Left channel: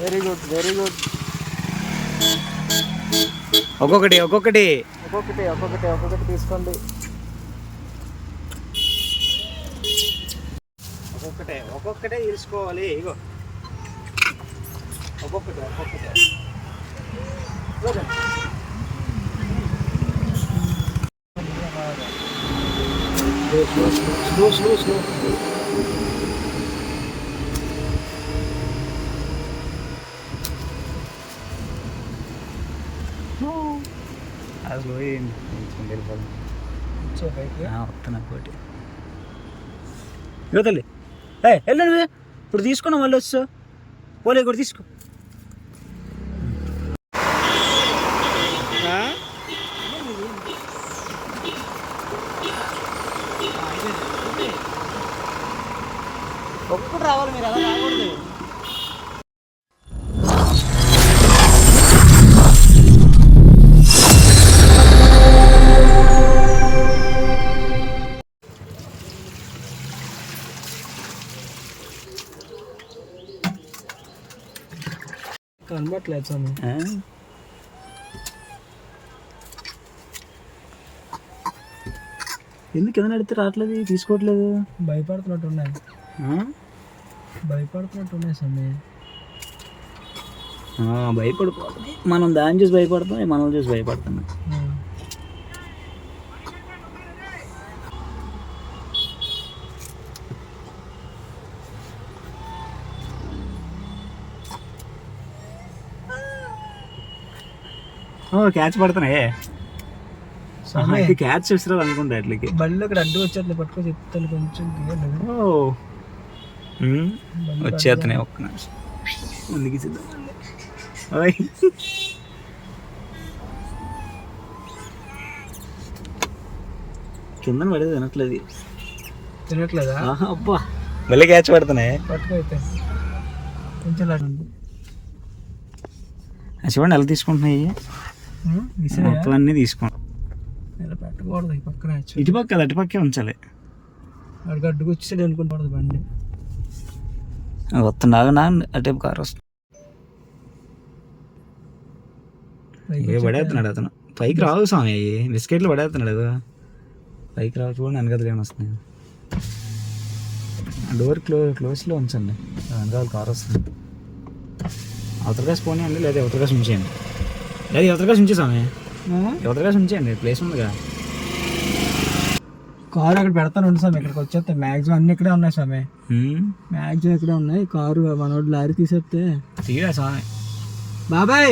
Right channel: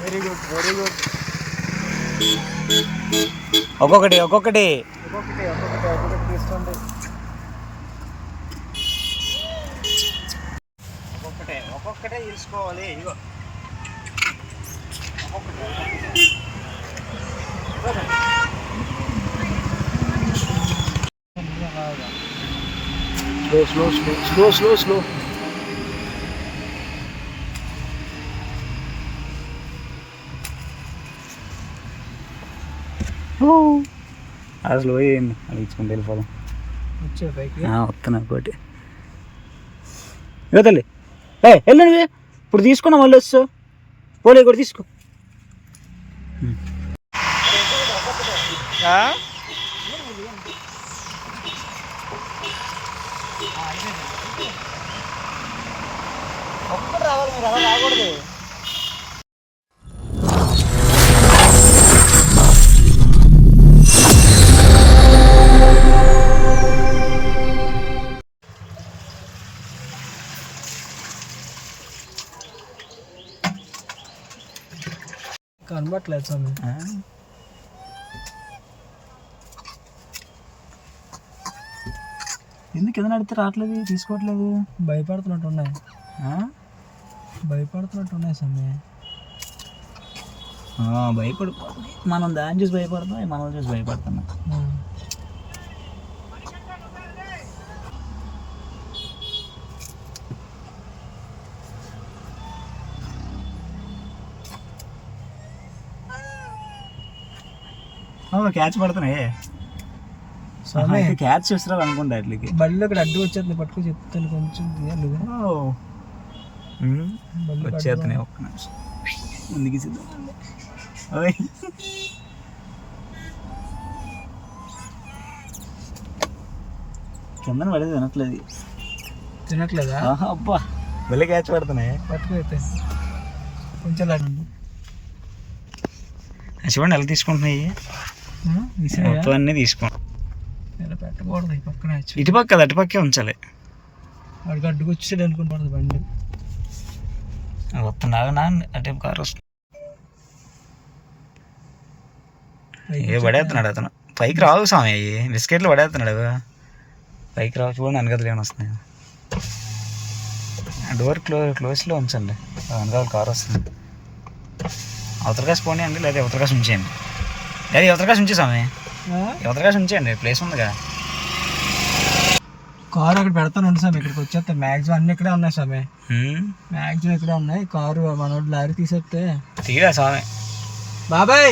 Very good very good. ఒక్కొక్కటి ఒక్కొక్కటి ఒక్కొక్కటి ఒక్కొక్కటి ఒక్కొక్కటి తీసుకోండి. ఒక్కొక్కటే తీసుకోవాలి. ఇగో ఒక్కొక్కటే ఒక్కొక్కటే. Slow slow slow slow slow. అసలు వెళ్ళిపోదాం. వచ్చే పైకి వస్తున్నా పోటీ. ఇక తల్లి వెళ్ళు నువ్వు. ఇప్పుడు తీసుకున్నా మళ్ళీ వస్తావు. పోలే కూడా తీసుకో. ఒక్కటి రావాలి, మీరు అలా రాకూడదు. కనబట్లేదు స్వామి. ఎందుకు కింద నడితే రావట్లేదు, తీసుకోవట్లేదు? భయపడుతున్నట్టున్నాయి స్వామి. భయపడిపోతుంది. మనం దాన్ని చూసి భయపడతాం, మనం చూసి భయపడుతున్నాం. క్యాచ్ పడుతున్నాయే స్వామి. క్యాచ్ చేస్తారు అనుకుంటా. అట్లకి బళ్ళు ఇక్కడ అడ్డు వచ్చేది, పట్టుకో చెప్తాను కొంచెం వచ్చేస్తున్నాయి. ఒక్క నిమిషం ముందుకి కింద పడేది తినట్లేదా? అబ్బా మళ్ళీ క్యాచ్ పడుతున్నాయి. పట్టుకో అయితే కొంచెం చూడండి ఎలా తీసుకుంటున్నాయి. మొత్తం అన్నీ తీసుకుంటాం. ఇలా పెట్టకూడదు. ఈ పక్కన ఇటుపక్క అది అటుపక్కే ఉంచాలి. వాడికి అడ్డుకు వచ్చేది అనుకుంటాడు బండి. వస్తున్నాగా నా అటే కారు వస్తుంది. పడేస్తున్నాడు అతను. పైకి రావు స్వామి. బిస్కెట్లు పడేస్తున్నాడు. పైకి రావు. చూడండి వెనకాల ఏమైనా వస్తున్నాయి. డోర్ క్లోజ్లో ఉంచండి. వెనకాల కారు వస్తుంది. అవతలకాసి పోనీ అండి, లేదా యువతలకాసి ఉంచేయండి. లేదా యువతలకాసి ఉంచే స్వామి. యువతలకాసి ఉంచేయండి, ప్లేస్ ఉందిగా. కారు అక్కడ పెడతాను ఉండి స్వామి. ఇక్కడికి వచ్చేస్తా. మ్యాక్సిమం అన్ని ఇక్కడే ఉన్నాయి స్వామి. మ్యాక్సిమం ఇక్కడే ఉన్నాయి. కారు మనోడు లారీ తీసేస్తే తీరా స్వామి. బాబాయ్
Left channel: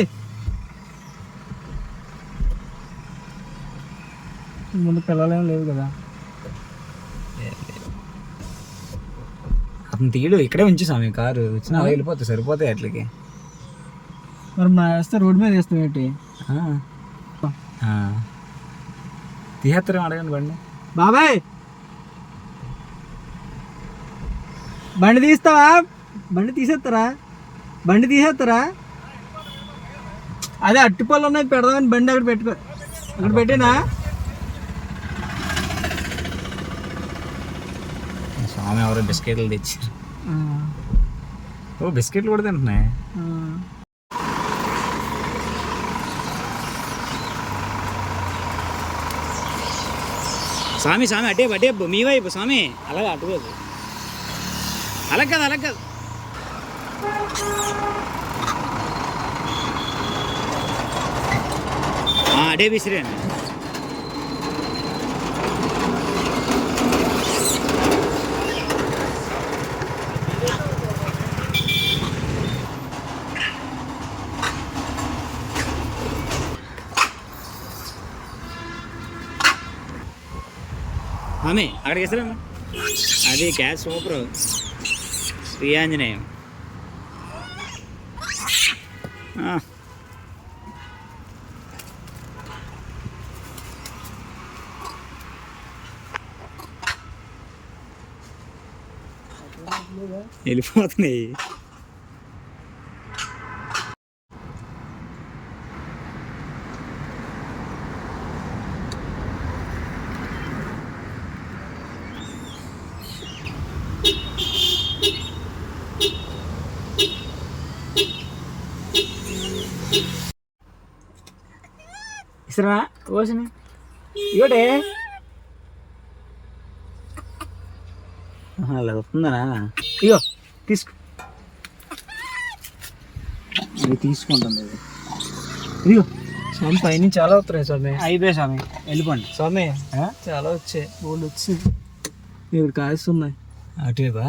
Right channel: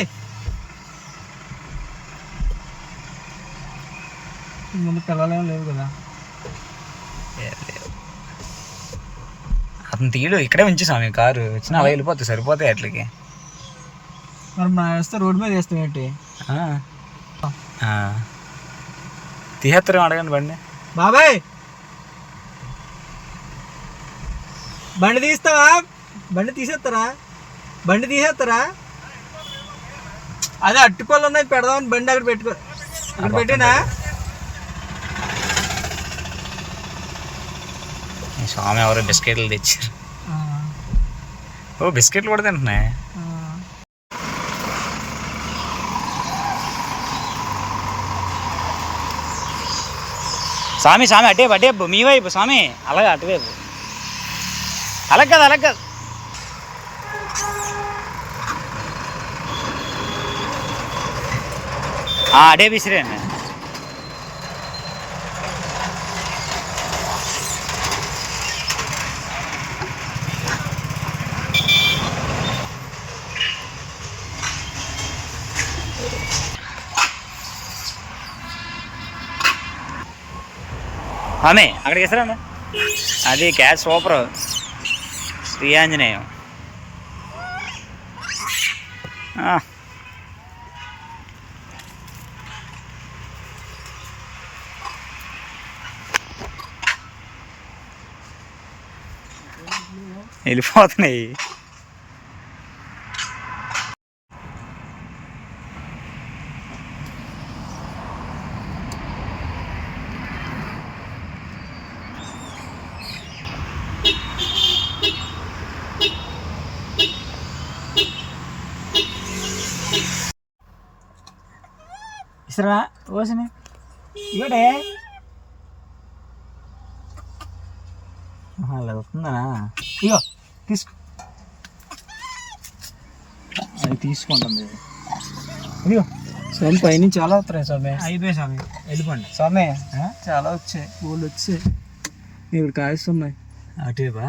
ముందు పిల్లలేం లేవు కదా. అతను తీయడు, ఇక్కడే ఉంచి స్వామి. కారు వచ్చినా అలా వెళ్ళిపోతాయి, సరిపోతాయి అట్లకి. మరి నా వేస్తే రోడ్డు మీద వేస్తాం ఏంటి? తీసేస్తారు. అడగండి బండి. బాబాయ్ బండి తీస్తావా? బండి తీసేస్తారా? బండి తీసేస్తారా? అదే అట్టుపళ్ళు ఉన్నాయి పెడదామని బండి అక్కడ పెట్టుకో. అక్కడ పెట్టేనా స్వామి? ఎవరో బిస్కెట్లు తెచ్చారు. ఓ బిస్కెట్లు కూడా తింటున్నాయి. స్వామి స్వామి అటే అటే మీ వైపు స్వామి. అలాగే అటువైపు. అలాగ కాదు అలాగ కాదు. అడే విసిరేయండి. ఆమె అక్కడికి ఇస్తారా? అది క్యాష్ సూపర్. శ్రీ ఆంజనేయం. వెళ్ళిపోతున్నాయి. ఇస్తారా ఓసిన ఇవ్వడే అలా వస్తుందా ఇగో తీసుకో అది తీసుకుంటుంది ఇదిగో స్వామి పైన చాలా వస్తున్నాయి స్వామి. అయిపోయి స్వామి వెళ్ళిపోండి స్వామి చాలా వచ్చాయి, పూలు వచ్చి ఇక్కడ కాయిస్తున్నాయి. అటువైపా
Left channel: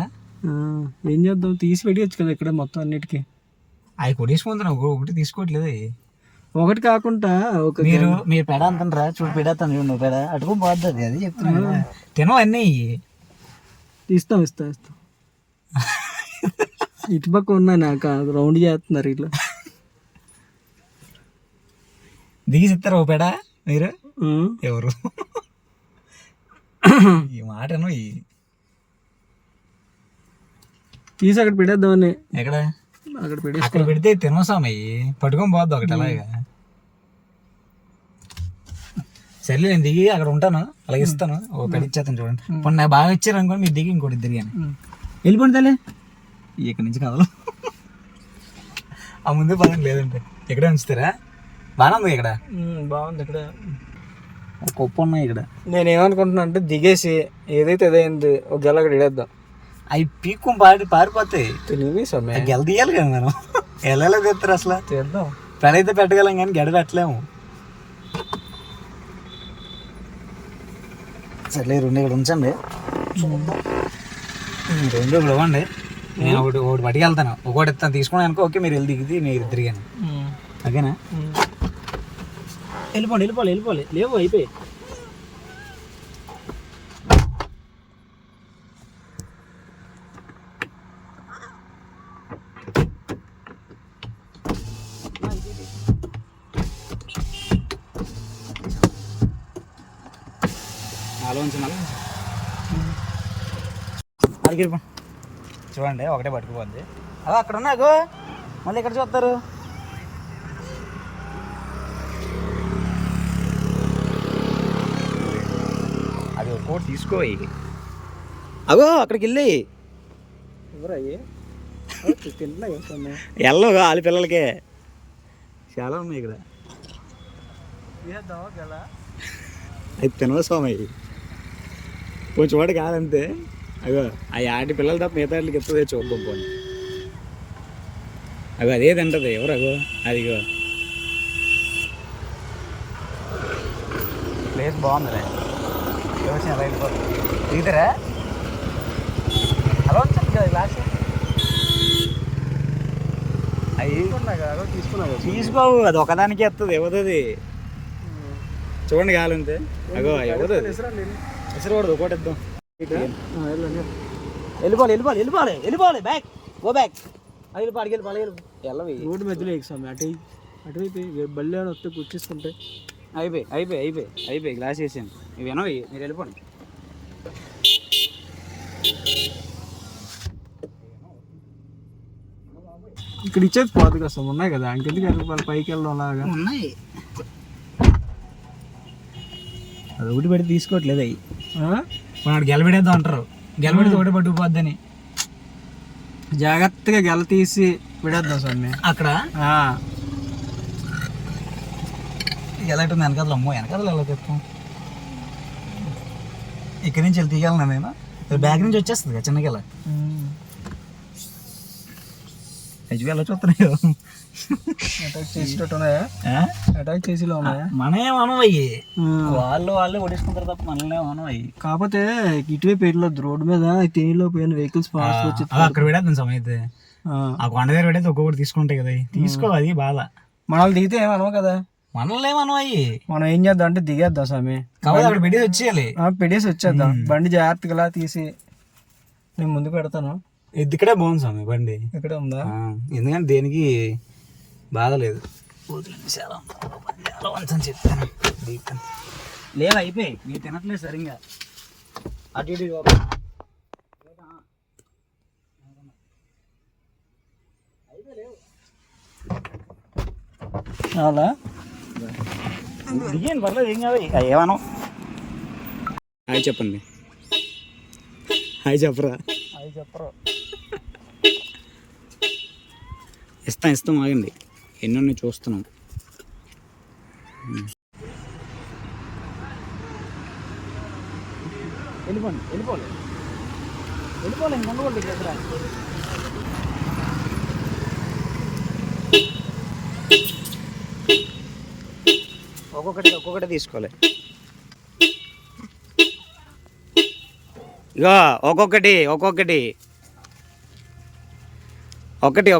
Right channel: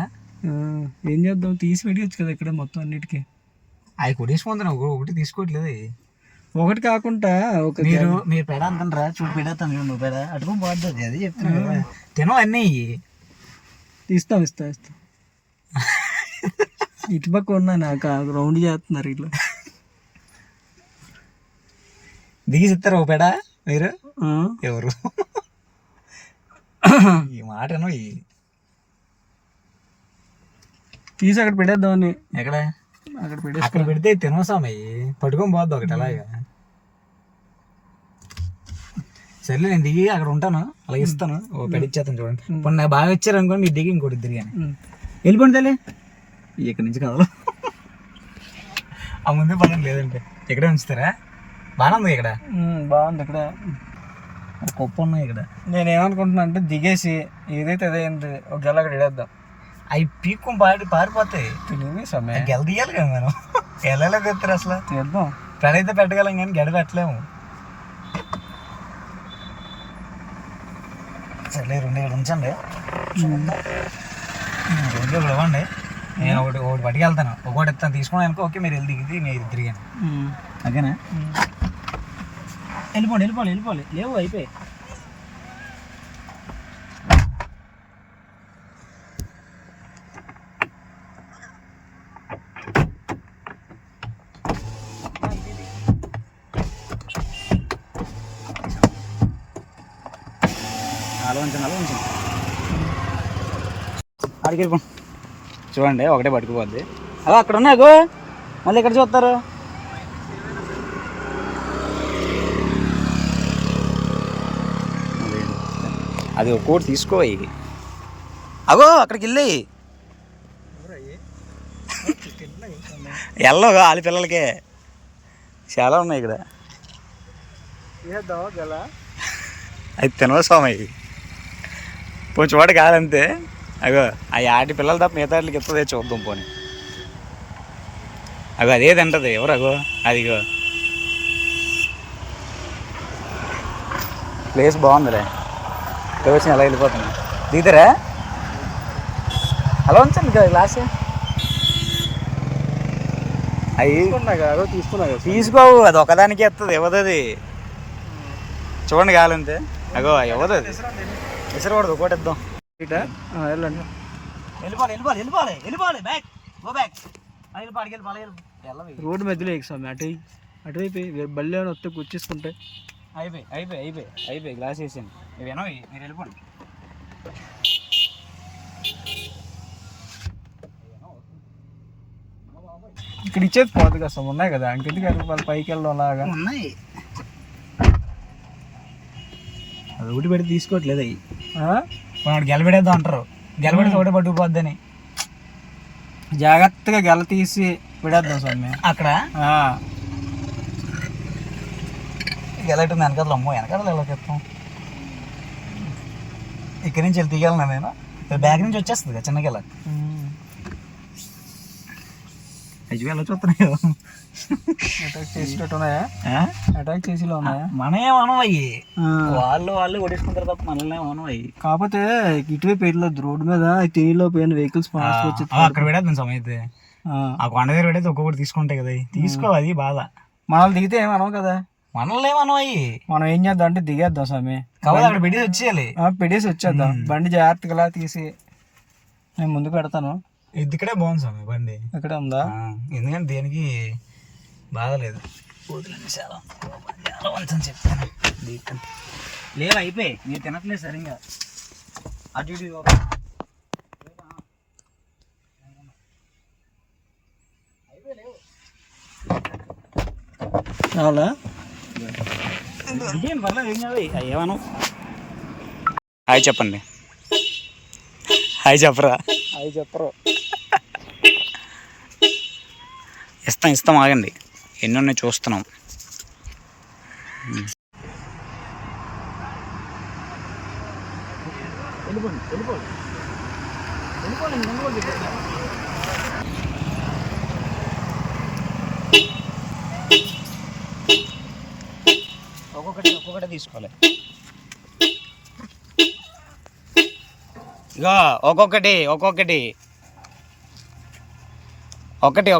ఏం చేద్దాం, తీసి పెట్టవచ్చు కదా ఇక్కడ మొత్తం అన్నిటికీ. అవి కొట్టేసుకుంటున్నాం, ఒకటి తీసుకోవట్లేదు. ఒకటి కాకుండా ఒక మీరు పెడ అంటారా చూడు, పెడతాను చూడు, నువ్వు పెడ అటుకు పోద్ది. అది చెప్తున్నాను తినవు అన్నీ. ఇస్తాం ఇటుపక్క ఉన్నా నాకు రౌండ్ చేస్తున్నారు ఇట్లా. దిగి ఇస్తారు ఒక పెడ మీరు ఎవరు ఈ మాటను తీసి అక్కడ పెట్టేద్దామని. ఎక్కడ అక్కడ అక్కడ పెడితే తినోసామయ్యి పట్టుకొని పోద్దు ఒకటి అలాగా. సర్లే నేను దిగి అక్కడ ఉంటాను, అలాగే ఇస్తాను. ఓ పెడిచ్చేస్తాను చూడండి. ఇప్పుడు నాకు బాగా ఇచ్చారు అనుకోండి, మీరు దిగి ఇంకోటి ఇద్దరు కానీ వెళ్ళిపోండి తల్లి. ఇక్కడి నుంచి కదలు ఆ ముందే పదండి, లేదంటే ఇక్కడే ఉంచుతారా. బాగానే ఉంది ఇక్కడ, బాగుంది. ఇక్కడ పప్పు ఉన్నాయి ఇక్కడ. నేనేమనుకుంటున్నా అంటే దిగేసి ఏదైతే అదైంది ఒక గెల అక్కడ ఇడేద్దాం. అవి పీక్కు పారిపోతాయి. తెలివి సమయం గెల తీయాలి కదా మనం. ఎలా తీస్తారు అసలు? చేద్దాం. పెడైతే పెట్టగలం కానీ గెడ పెట్టలేము. సర్లే రెండు ఇక్కడ ఉంచండి, రెండు ఇక్కడ ఇవ్వండి. నేను ఒకటి పట్టుకెళ్తాను, ఒకటి ఇస్తాను తీసుకుని అనుకో. ఓకే మీరు వెళ్ళి దిగితే మీరు తిరిగాను ఓకేనా. వెళ్ళిపోవాలి లేవు అయిపోయి. అలా ఉంచండి అడిగి వెళ్ళిపో. చూడండి ఒకటే పట్టుకుపోద్ది. అలా అక్కడ ఉన్నాయో మళ్ళీ ఎక్కడ చూస్తారు. అది ఒక్కోటి తీసుకో. ఇది అగో అక్కడికి వెళ్ళి ఎల్లో వాళ్ళ పిల్లలకే చాలా ఉన్నాయి ఇక్కడ. అది తినవ స్వామి, కొంచెం వాడు కాదంతే. అగో ఆ ఆటి పిల్లలు తప్ప మిగతా వాటికి ఎత్తదే చూద్దాం పోనీ. అగో అదే తింటది. ఎవరు అగో అదిగో. ప్లేస్ బాగుందిరా, వచ్చి అలా వెళ్ళిపోతుంది. దిగుతారా అలా ఉంచండి గ్లాస్. అవి తీసుకోవు, అది ఒకదానికి ఎత్తది ఇవ్వదు. చూడండి కావాలంతే. అగో ఇవ్వదు, విసరకూడదు. ఒకటి ఇద్దాం. వెళ్ళిపోవాలి బ్యాక్ గో బ్యాక్. అది వెళ్ళిపోయి రోడ్డు మధ్యలో ఎక్సామి అటువైపు బళ్ళు ఏమైనా వస్తే కూర్చేసుకుంటే అయిపోయి గ్లాస్ వేసాను. ఇవేనో మీరు వెళ్ళిపోండి. ఇక్కడ ఇచ్చేది పోదు కదా, ఉన్నాయి కదా ఇంకెందుకు వాళ్ళ పైకి వెళ్ళడం లాగా ఉన్నాయి. అది ఒకటి పెడితే తీసుకోవట్లేదు. అవి వాడు గెలబెడేద్దాం అంటారు, గెలబెడితే ఒకటి పట్టుకుపోద్దని. జాగ్రత్తగా గెల తీసి విడేద్దాం స్వామి అక్కడ. గెలటుంది వెనకాల. అమ్మో వెనకాల ఎలా చెప్తాం. ఇక్కడి నుంచి వెళ్ళి తీయాలన్నా నేను. బ్యాగ్ నుంచి వచ్చేస్తుంది కదా చిన్న గెల. అయ్యో ఎలా చూస్తున్నాయి. అటాక్ చేసేటట్టు ఉన్నాయా? అటాక్ చేసేలా ఉన్నాయా? మనమేమనం అయ్యి, వాళ్ళే ఓడేసుకుంటారు తప్ప మనల్ని అయ్యి. కాకపోతే ఇటువైపు వెళ్ళొద్దు, రోడ్డు మీద తేలిలో పోయిన వెహికల్స్ ఫాస్ట్ వచ్చి అక్కడ పెడేద్దాం సమయం అయితే. ఆ కొండ దగ్గర పెడితే ఒక్కొక్కటి తీసుకుంటాయి కదా. తీసుకోవాలి బాధ. మనల్ని దిగితే ఏమనవు కదా. మనల్ని ఏమనం అయ్యి. మనం ఏం చేద్దాం అంటే దిగేద్దాం స్వామి. కాబట్టి అక్కడ పెట్టేసి వచ్చేయాలి. పెట్టేసి వచ్చేద్దాం. బండి జాగ్రత్తగా తీసి నేను ముందు పెడతాను. ఇది ఇక్కడే బాగుంది స్వామి బండి. ఇక్కడ ఉందా? ఎందుకంటే దేనికి బాధ లేదు. చాలా చెప్తాను లేవు అయిపోయి. మీరు తినట్లేదు సరిగ్గా. అటు ఇటు అలా దిగేయండి పర్లేదు, ఏం కాదు. ఏమను హాయ్ చెప్పండి. హాయ్ చెప్పరా? అవి చెప్పరు. ఇస్తాం ఆగండి, ఎన్ని ఉన్నాయి చూస్తున్నాం. వెళ్ళిపోలేదు ముందు కూడా దగ్గర ఒక్కొక్కటి తీసుకోవాలి. ఇగో ఒక్కొక్కటి ఒక్కొక్కటి ఒక్కొక్కటే.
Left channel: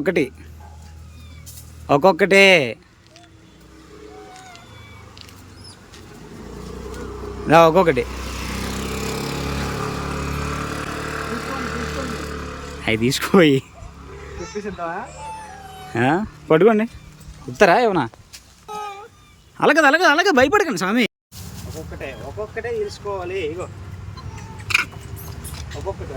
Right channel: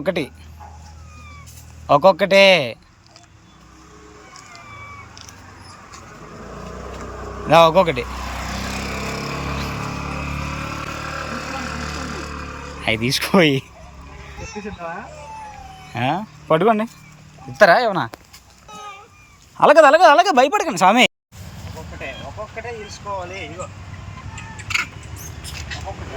ఒక్కొక్కటి అవి తీసుకోయి పట్టుకోండి. చెప్తారా ఏమన్నా? అలాగే భయపడకండి స్వామి. ఒక్కొక్కటే తీసుకోవాలి. ఇగో ఒక్కొక్కటే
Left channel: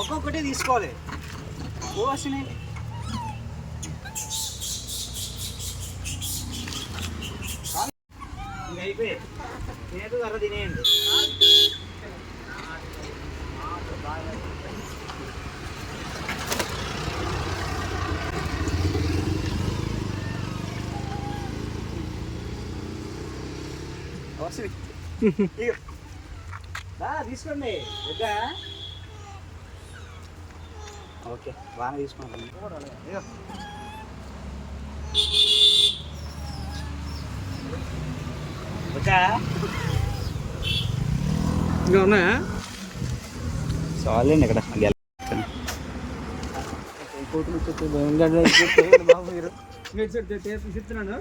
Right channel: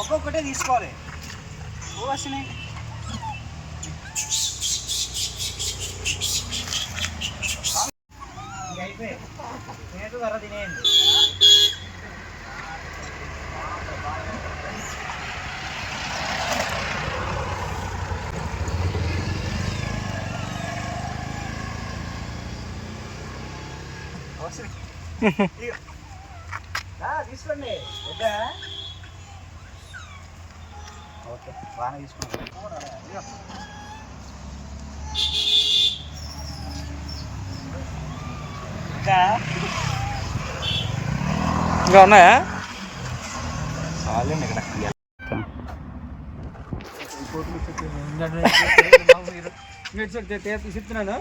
ఒక్కొక్కటే తీసుకోవాలి. వచ్చినాయి అయిపోయి తినేది ధర తినేయండి. తీసుకోండి. ఓకే బాగానే తీసుకోండి. ఇంకా ఉన్నాయా? చాలండి ఇక్కడ చెప్తున్నాను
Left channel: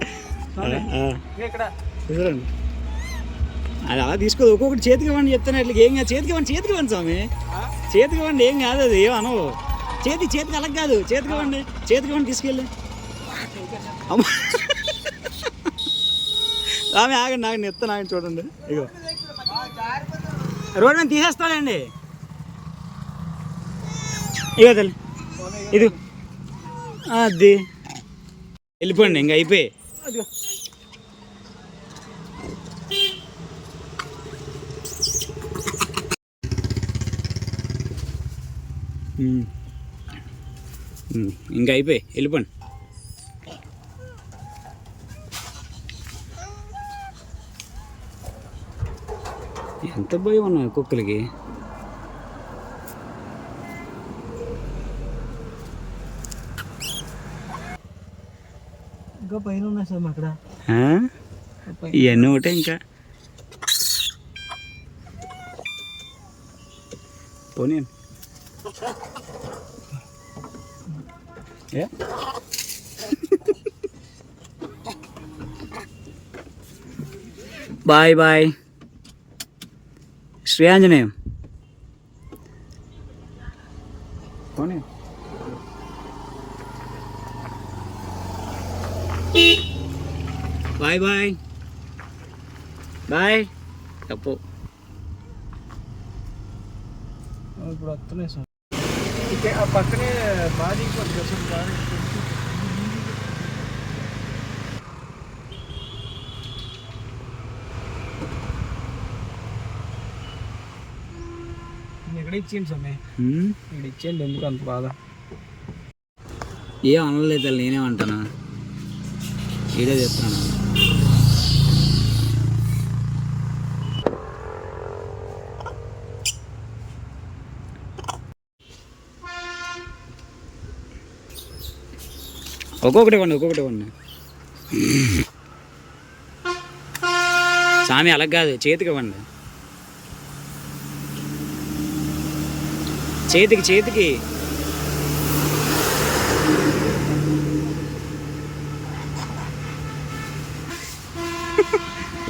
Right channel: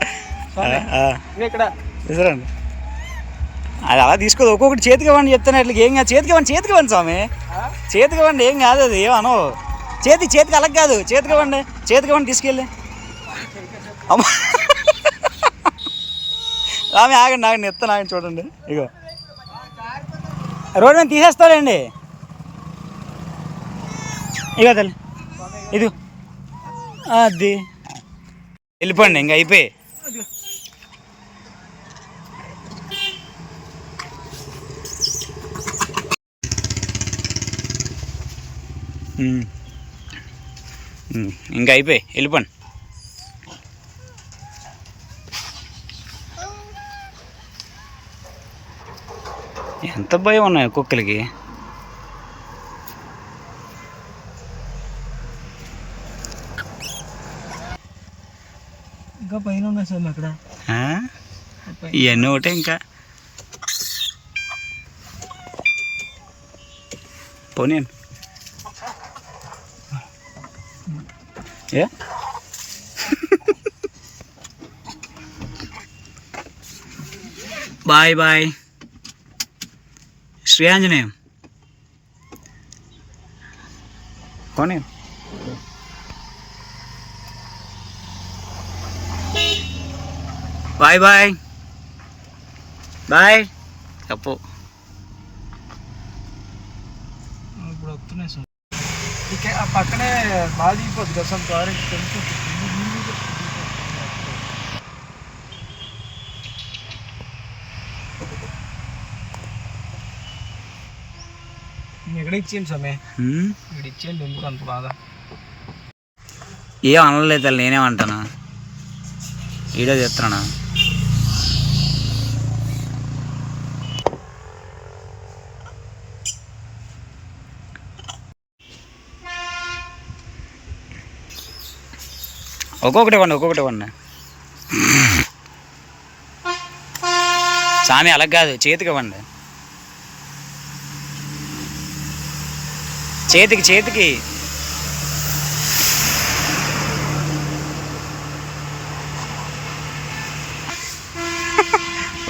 ఇక్కడ తీసుకురండి. అది అలా తీసుకోదు. ఒక్కొక్కటి చేతికి ఇవ్వండి చెప్తాను. ఇట్లా ఏం కాదు. చేతికి ఇవ్వండి స్వామి. చేతికి ఇవ్వండి. ఏం కాదు. అది ఏమనో చేతికి అలా కాదు. చేతికి ఇవ్వండి తీసుకెళ్ళి. అమ్మ స్వామి ఆగండి ఎత్తాను. ఆగండి చూడండి. ఇగో రోడ్డు మీద తీసేస్తాలేండి. ఇక తల్లి ఇది అది వెళ్ళిపోండి. ఇంకా అయిపోయి వెళ్ళిపోండి. ఎంత భయం ఉన్నాయి కుక్కలకి. ఇంకా పైన ఉన్నాయి సార్ అక్కడ. ఇవన్నీ ఒకటే ఇంకా పోనీ బాయ్ శ్రీ ఆంజనేయం. పోనీ బాయ్ తప్పు. ఇప్పుడు వస్తున్నాయి సార్. ఆ పక్కనే బాగా దిగిపోద్ది కదా సార్ కారు. ఎక్కడ ఇచ్చేయండి సమయ ఇక్కడ ఇచ్చేయండి. ఎందుకు అంత బాధ? ఏం అనలేదు తల్లి. నేనేమంటాను వీడియో చేస్తున్నాను. ఒక్కొక్కటి ఇవ్వండి. స్వామి అలా కాదు. చేతికి ఇవ్వండి. చేతికి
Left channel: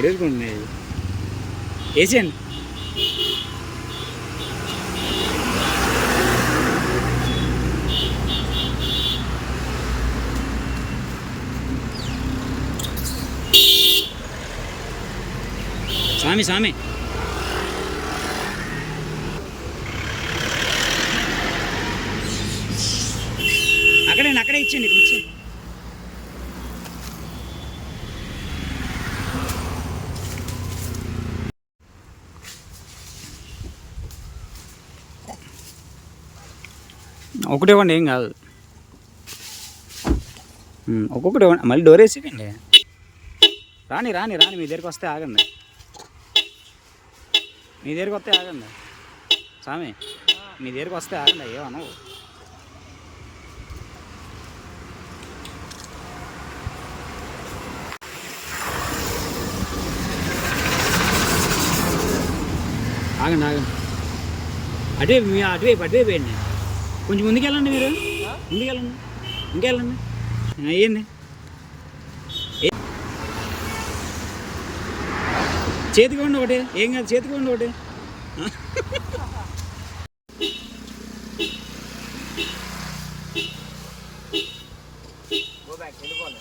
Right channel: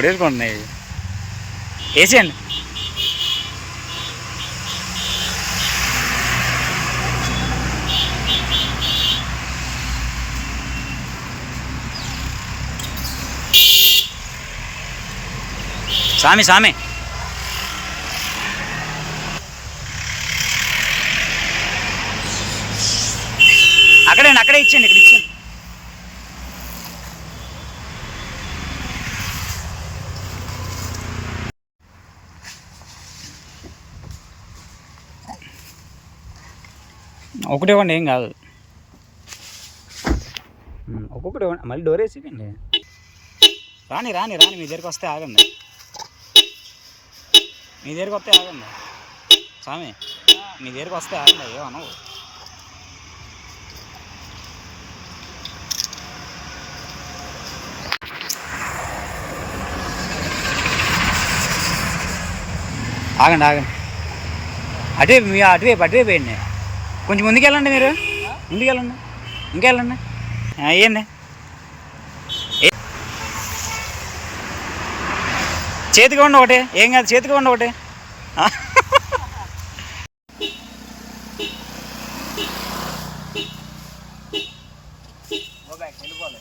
వేసుకోండి. వేసేయండి. స్వామి అక్కడే ఇచ్చేయండి. ఇక్కడ ఇచ్చేయండి. ఒకటి ఇవ్వండి, ఏం కాదు. ఒక్కొక్కటి ఇవ్వండి, మళ్ళీ డోర్ వేసేయండి. రాని రాని రాని మీ దగ్గరికి వస్తే ఆగండి, మీ దగ్గరికి వస్తే ఆగండి స్వామి, మీ దగ్గరికి వస్తే ఆగండి. ఏమనవు. ఆగండి ఆగండి, అటువైపు మీ అటువైపు వేయండి. కొంచెం ముందుకెళ్ళండి, మీరు ముందుకెళ్ళండి, ఇంకెళ్ళండి. వేయండి, చేతికి ఉండి ఒకటి, ఏం కాదు, చేతికి ఉండి ఒకటి. వెళ్ళిపోవాలి.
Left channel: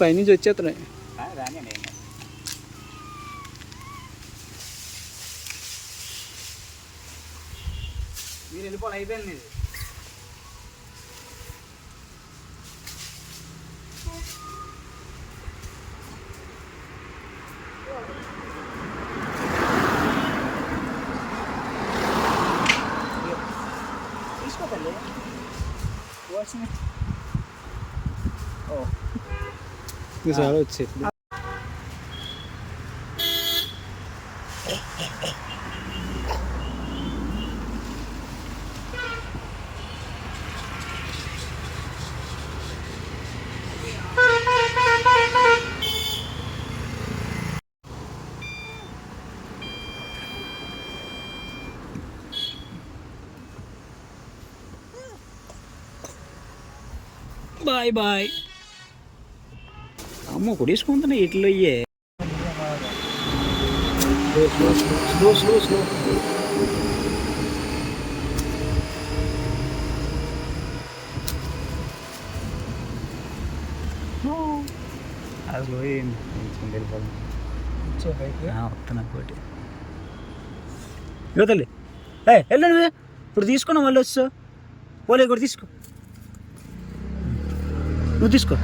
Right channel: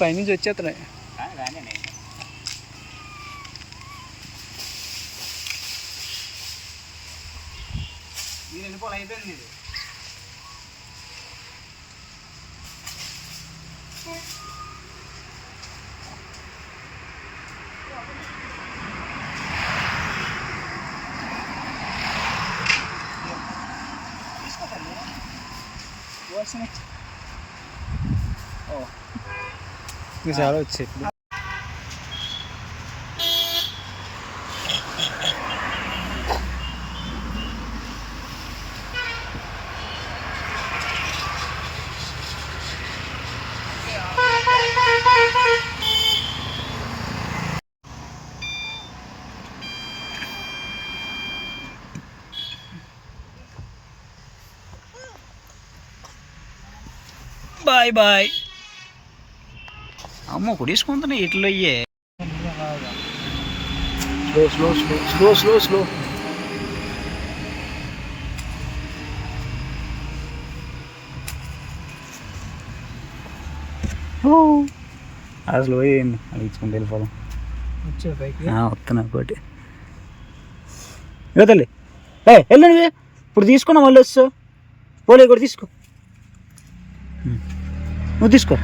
పైనుంచి వచ్చేస్తున్నాయి. మీరు వెళ్ళిపోవాలి, అయిపోయింది ఇది. తీసుకోకండి, చాలా వచ్చాయి. Bye bye. అమ్మో కొడేసుకుంటున్నాయి ఇట్లో అయ్యే. Slow slow slow slow slow. అసలు ఏంది వెళ్ళిపోదాం. వచ్చే పైకి వస్తున్నా పోటీ. ఇక తల్లి వెళ్ళు నువ్వే, ఇప్పుడు తీసుకున్నా మళ్ళీ వస్తావు. పోలే కూడా తీసుకో, నువ్వు తీసుకో.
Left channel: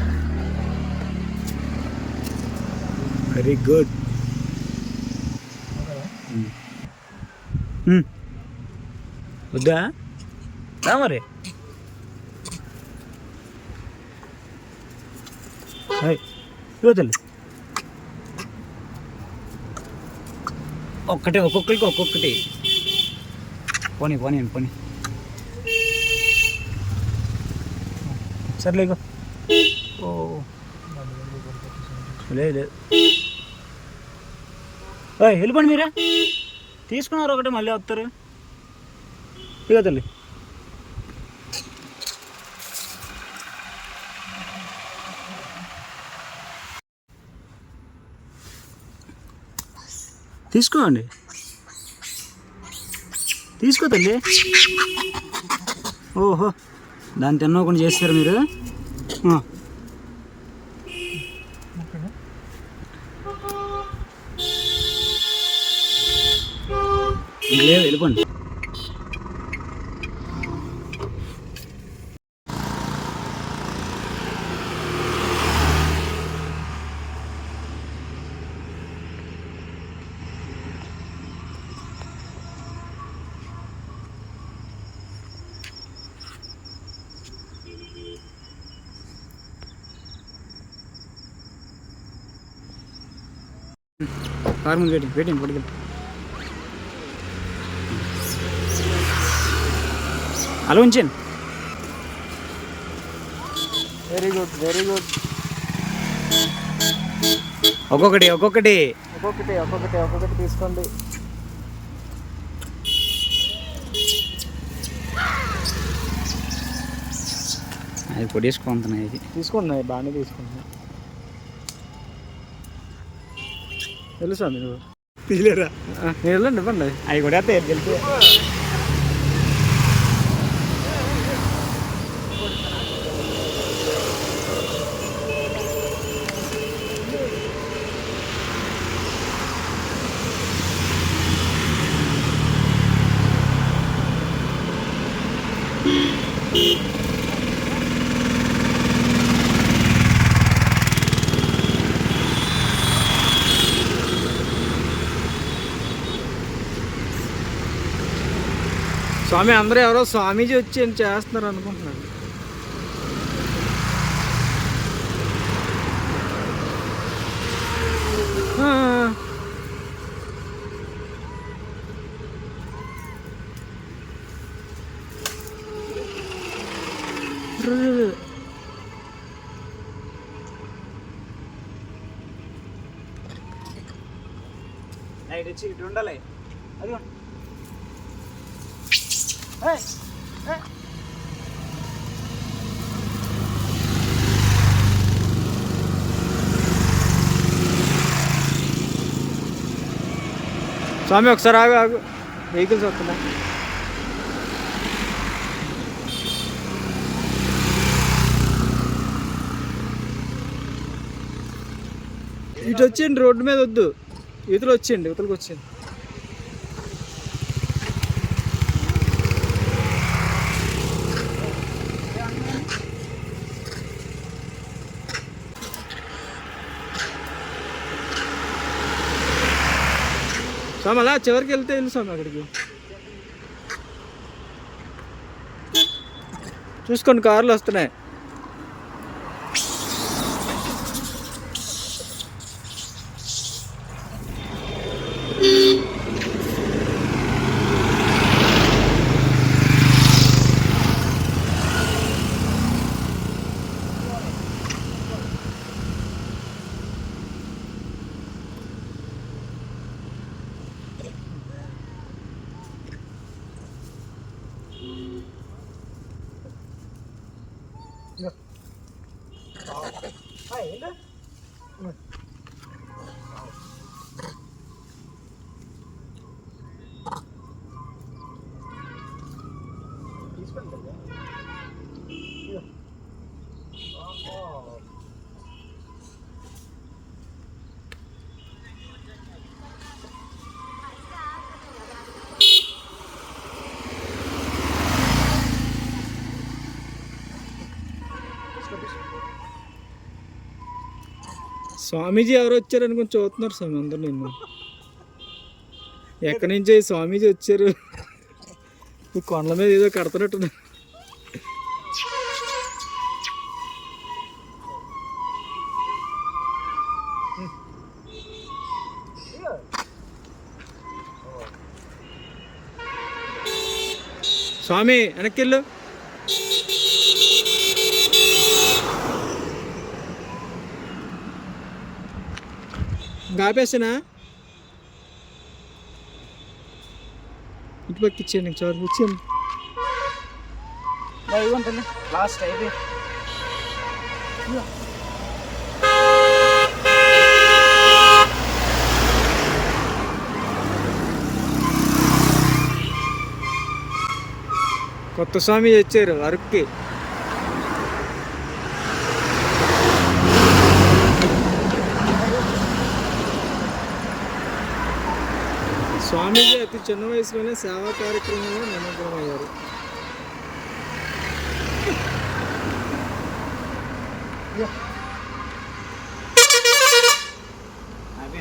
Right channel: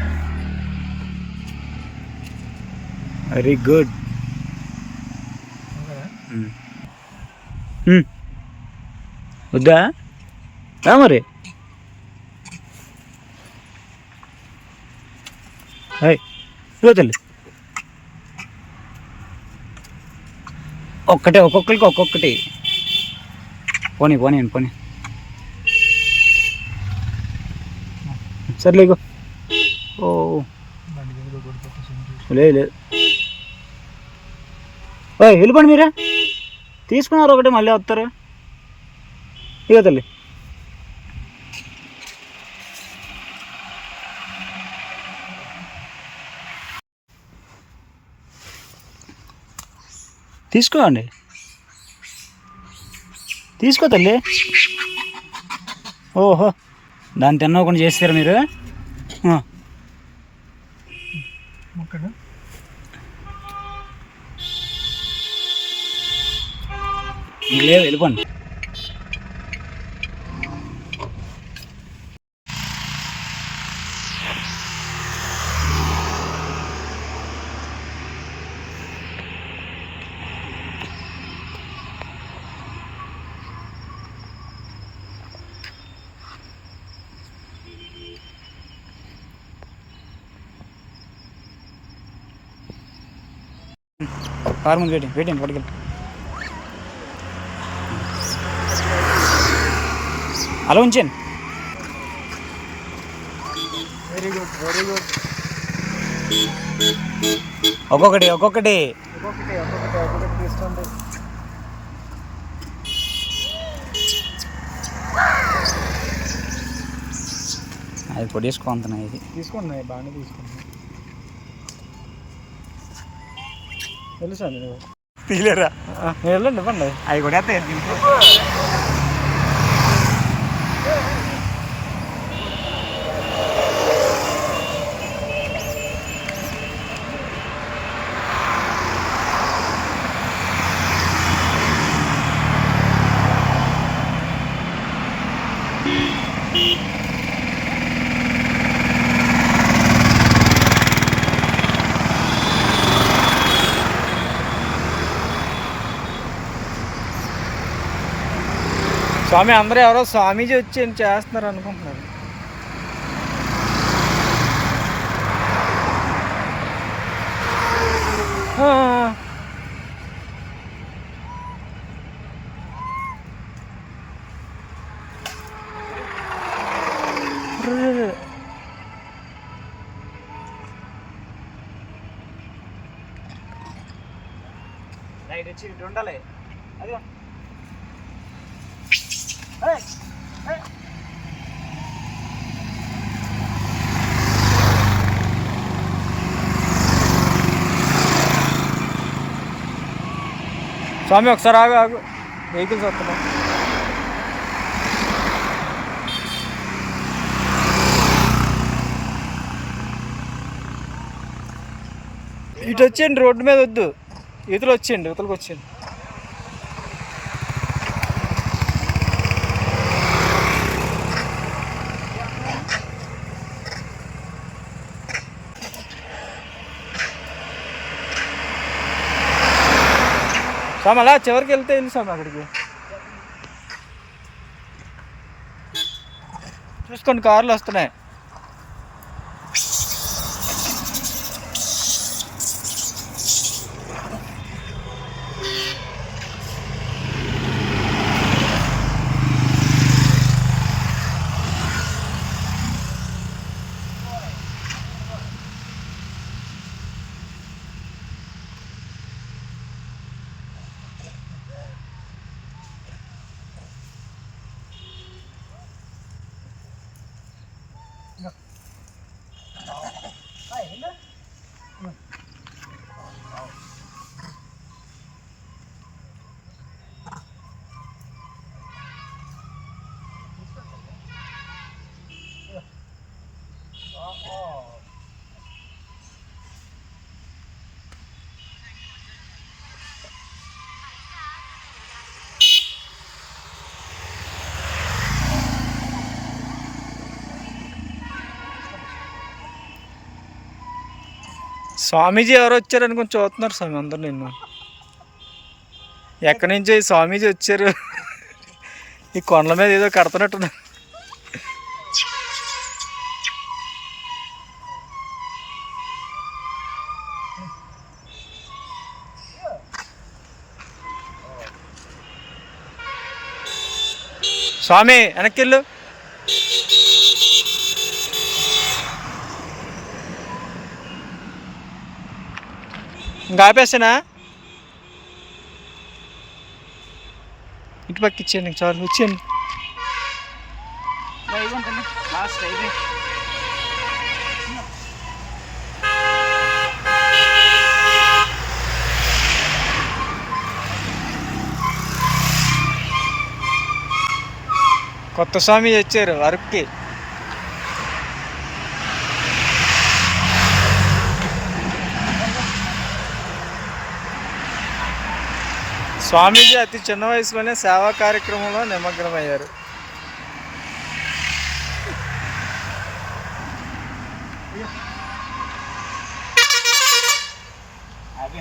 Very good. వద్దా మరి తల్లి, ఒక్కటే ఒక్కొక్కరికి ఒక్కొక్కటి. పోనీ పోనీ పోనీ, సర్లే. ఇగో ఓ లేదు వెళ్ళిపోండి, మీరే తీసుకున్నారు ఒకటి మళ్ళీ వస్తారు. ఇక తల్లి తీసుకోండి, తీసుకో తల్లి. ఓహో దాన్ని తిన్నకుండా చేస్తారా మీరు? లేదు వెళ్ళిపోండి. కారు ముందు పెట్టండి పట్టుకెళ్ళి. అలా ఉంచండి. Very good very good. ఒక్కొక్కటి ఒక్కొక్కటి ఒక్కొక్కటి ఒక్కొక్కటి ఒక్కొక్కటి తీసుకోండి. అది కొట్టేసుకుంటున్నాయి. తీసుకున్నాయి బాగానే తీసుకుంటున్నాయి. తెలుసా మీరు తీలేరా? మీరు వెళ్ళండి, ఇవ్వండి. అవి కొట్టేస్తే వెళ్తే స్వామి అందరూ ఎవరో స్వామీజీ వచ్చి ఏం చేస్తున్నారు అనుకుంటున్నారు. లైట్ వచ్చి ఇటు ఉండాలి. అది స్వామి ఒకసారి ఆగు ఆగు, వెహికల్స్ వస్తున్నా. ఇటు వచ్చేయండి, రోడ్డు మీద వద్దు, ఇవతలు వచ్చేయండి, ఇవతలకు వచ్చేయండి. స్వామి అలా చివరికి వెళ్తే వెళ్ళి స్వామి అక్కడికి చూసుకోండి, కార్లు వస్తున్నాయి. స్వామీజీ ఎవరు వచ్చారని కొంచెం చూస్తున్నారు స్వామి అందరు. నిన్ను ఎక్కడి నుంచో ఈ స్వామీజీ వచ్చారు, ఈ కొండల మీద ఏదో కడుతున్నట్టున్నారు. స్వామి వెనక్కిళ్ళు. ఇంకా ఆపేస్తానా? ఇటు పక్క ఇచ్చేయండి, చాలు వచ్చేయండి. లాస్ట్ ఇది కొత్త స్వామి వచ్చారు అరకుకి. స్వామీజీ అతి చిన్న వయసులోనే సేవా కార్యక్రమంలో నిమగ్నమయ్యారు. అదే